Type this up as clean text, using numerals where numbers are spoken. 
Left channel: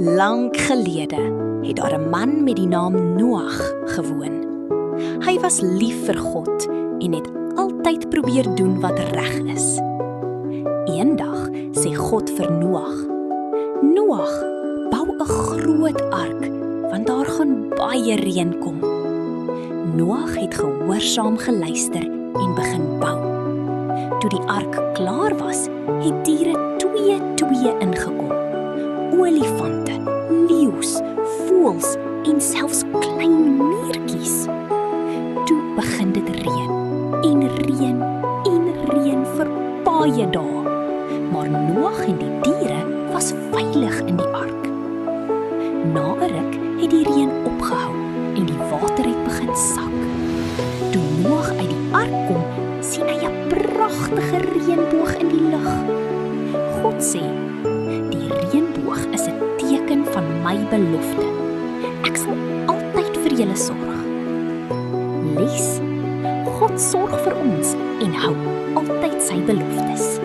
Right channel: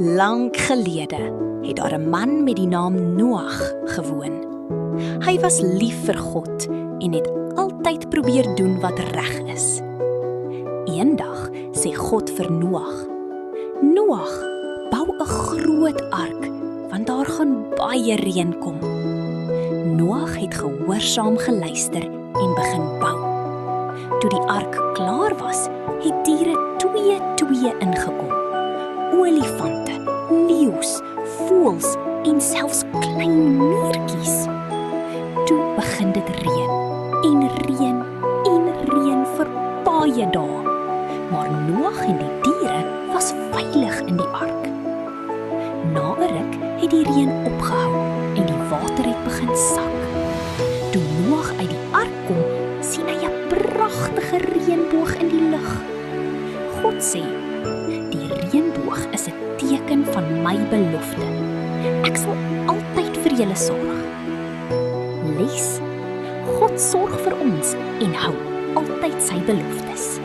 Lang gelede het daar 'n man met die naam Noag gewoon. Hy was lief vir God en het altyd probeer doen wat reg is. Eendag sê God vir Noag: "Noag, bou 'n groot ark, want daar gaan baie reën kom." Noag het gehoorsaam geluister en begin bou. Toe die ark klaar was, het diere twee ingekom. Olifante, leeu's, voëls en selfs klein muurtjies. Toe begin dit reën vir baie dae. Maar Noag en die diere was veilig in die ark. Na 'n ruk het die reën opgehou en die water het begin sak. Toe Noag uit die ark kom, sien hy 'n pragtige reënboog in die lug. God sê: "Die reënboog is 'n teken van my belofte. Ek sal altyd vir julle sorg." Les: God sorg vir ons en hou altyd sy beloftes.